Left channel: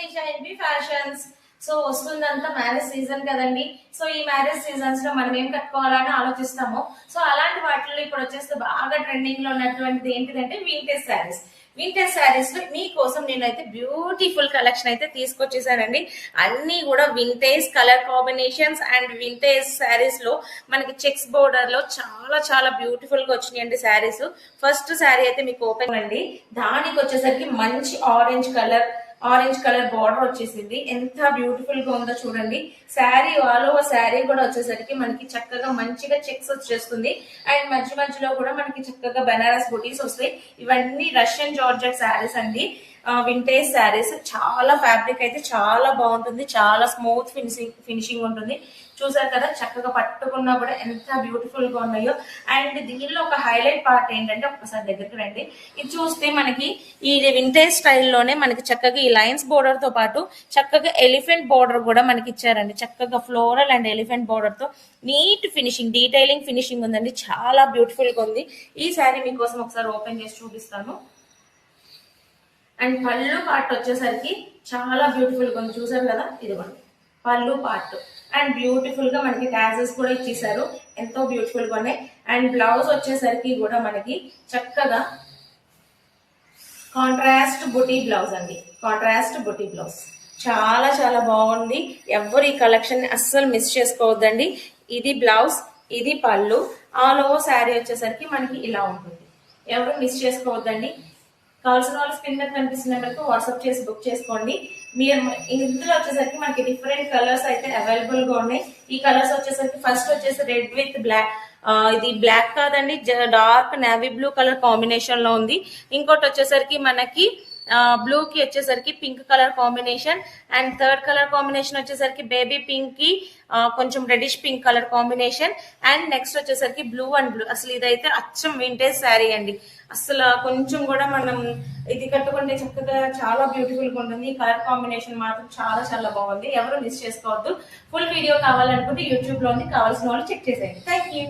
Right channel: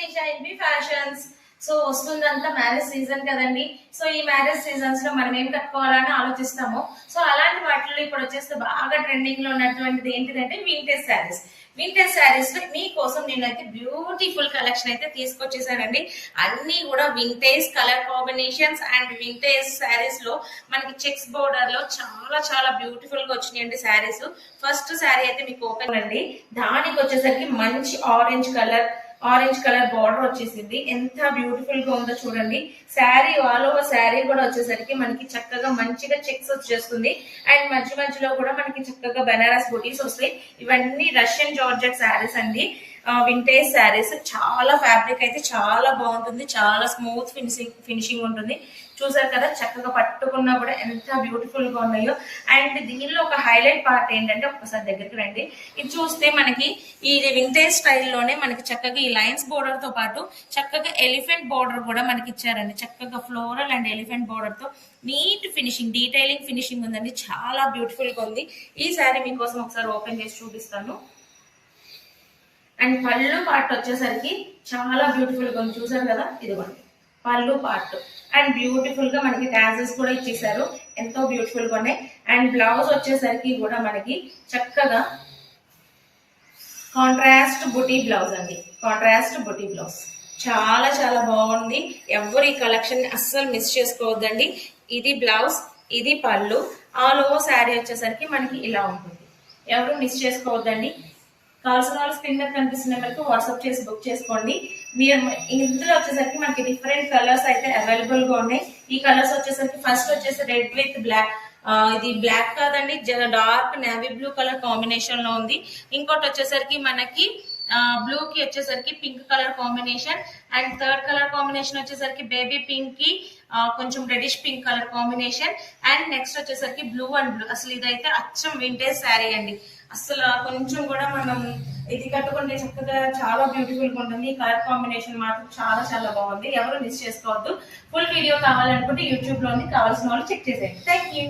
మీ షైన్బీ fashions. So వస్తుందంతా marriage season కదండి. So ఈ marriage seasons లో మనం ఏం కట్టుకోవాలని ఆలోచిస్తాము. సో అలాంటి వాటిలో ఇప్పుడు వచ్చేస్తే బాగా ట్రెండింగ్ లో ఉన్నటువంటిది ఏంటిదంటే వింటేజ్ శారీస్. వింటేజ్ శారీస్ లో మీకోసం నేనైతే బ్యూటిఫుల్ కలెక్షన్ అయితే తీసుకొచ్చేసానండి. అన్ని కూడా vintage colour combinations and vintage saris లో మనకి చెక్స్ బోర్డర్ లో చాలా చాలా బ్యూటిఫుల్ గా వచ్చినాయండి శారీస్. ఫస్ట్ శారీ అయితే మీకు ఓపెన్ అండి. దానికి వచ్చేసరికి మంచి ఆరెంజ్ కలర్ బార్డర్ వచ్చేసింది. ఎంత బ్యూటిఫుల్ గా ఉందో చూడండి. శారీ ఆల్ ఓవర్ శారీ కూడా వచ్చేసరికి మనకి చక్కగా మంచిగా చెక్స్ వచ్చేస్తుంది. అండ్ మధ్య మధ్యలో కూడా మనకి చక్కగా బనారస్ బూటీస్ వస్తాయి. ఇవన్నీ రష్యన్ జార్జెట్ శారీస్ అండి. వింటేజ్ శారీస్. చాలా ఫ్యాబ్రిక్ అయితే చాలా బాగుంటుంది. చాలా స్మూత్ ఫినిషింగ్ ఉంటుంది. చూసారు కదా, చక్కగా పట్టుకున్నా కూడా ఎంత బ్యూటిఫుల్ గా ఉన్నాయో. అండ్ దీనిలో ఒక హైలైట్ పార్ట్ ఏంటంటే, ఒకసారి దగ్గరికి రండి. ఇది చూస్తే మనకి ఈ వింటేజ్ స్టైల్లోనే మనకి చక్కగా ఈ లైన్స్ బోర్డర్ తో పాటు చక్కగా ఎలిఫెంట్ బోర్డర్ కూడా మనకి ఇచ్చారండి. చక్కగా ఫ్లోరల్ అండ్ ఎలిఫెంట్ బోర్డర్ తో నీట్ ఫినిషింగ్, డీటెయిలింగ్ ఫినిషింగ్ ఉందండి. చాలా బ్యూటిఫుల్ గా ఉంది. ఈ శారీ మీకోసం ఒకసారి ఓపెన్ చేసి చూపిస్తాను. అండ్ పళ్ళు పార్ట్ వచ్చేసరికి చాలా బ్యూటిఫుల్ గా ఉంది. చూసారు కదా, ఇదిగోండి పళ్ళు పార్ట్. అండ్ బ్యూటిఫుల్ గా మనకి టాజెస్ కూడా ఇచ్చేసారు. ఎంతో బ్యూటిఫుల్ గా ఉన్నాయి. అండ్ బ్లౌజ్ వచ్చేసరికి కూడా మనకి చక్కగా కాంట్రాస్ట్ బుటీ బ్లౌజ్ అండి. కాంట్రాస్ట్ బుటీ బ్లౌజ్ చాలా చాలా బాగుంది. ఎవరు ఈ కలెక్షన్ అస్సలు మిస్ చేసుకోవద్దండి. ఇది బ్లౌజ్, ఇది పళ్ళు. ఆల్ ఓవర్ శారీ వచ్చేసరికి మనకి ఇలా ఉంటుంది. ఎవరు మిస్ చేసుకోవద్దండి. కావాల్సిన వాళ్ళు స్క్రీన్ మీద కనిపిస్తున్న మనకు వాట్సాప్ చేసి బుక్ చేసుకోండి. మీరు ఇందులో వచ్చేసరికి మనకి డిఫరెంట్ కలర్స్ అయితే అవైలబుల్ గా ఉన్నాయి. ఈ కలర్స్ వచ్చేసరికి ఫస్ట్ వచ్చేసి రెడ్ విత్ బ్లాక్, ఇది బ్లాక్ కాదండి, dark navy blue colour combination లో ఉంది. ఇంకోటి వచ్చేసరికి మనకి బ్లూ కి వచ్చేసరికి pink colour combination. And third colour combination వచ్చేసరికి బేబీ పింక్ కి కొంచెం reddish pink colour combination. And next వచ్చేసరికి బ్లూ అండ్ బ్లూ. అసలు ఇదైతే అచ్చం వింటేజ్ శారీ అండి. అసలు కొంచెం కూడా మనం ఇది కట్టుకుంటే చక్కగా చాలా బ్యూటిఫుల్ గా ఉంటుంది. ఈ కలర్ కాంబినేషన్ మాత్రం చాలా చాలా బాగుంది. ఎవరు మిస్ చేసుకోవద్దు. ఫుల్ వీడియో కావాలనుకుంటే యూట్యూబ్ లోని కావాల్సిన వాళ్ళు చెక్ చేసేయండి. Thank you.